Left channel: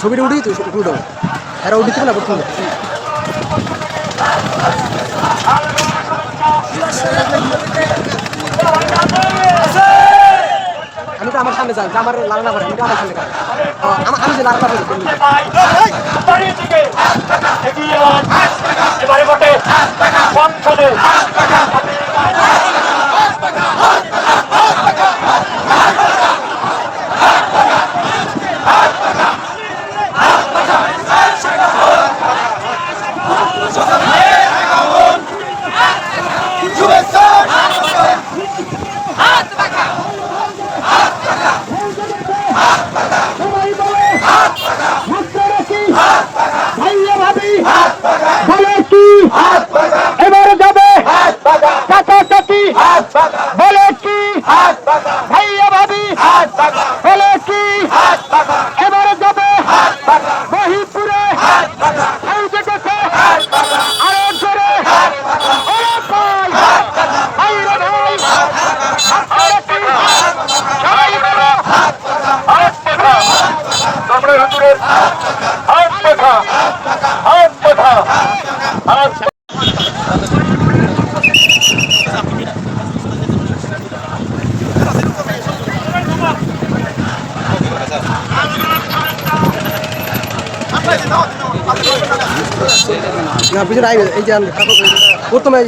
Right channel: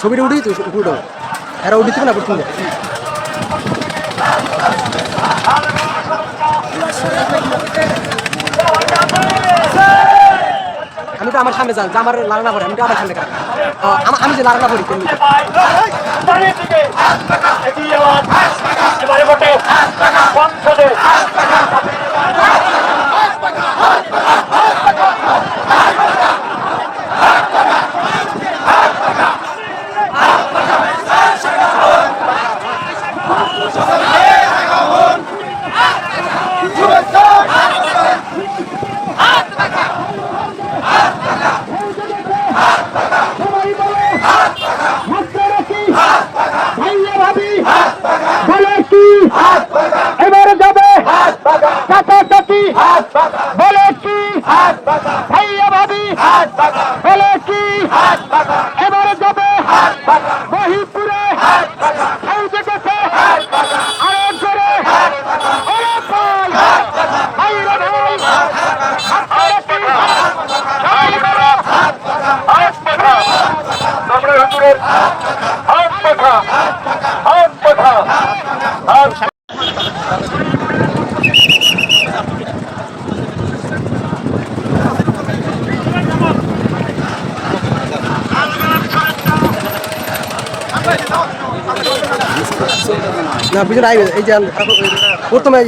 ছবিটা উঠি তো উঠো এরা উঠিতে না প্রথম আমি তো আমার সামনে যাই আমার লালনা পড়ে আমি তো আমার সামনে আমার আমি যে লালনা যাওয়ার এবারে বটে সংসদে সবাই বলে মাত্রা কি ভাইয়া ভাবি বলে কি এবারে যাবে কাটাকাটি বলে কি? ভাইয়া ভাবি, বলে কি? এবারে যাবে মহিপুরে। এই দেখেছে আরও জোরে। ওরে ভাই ভাইরা ভাই। আপনারা কি? সবাই বলো। হাত পাখা। তোমরা হুজুরের না বুঝলেন এই যে প্রথমে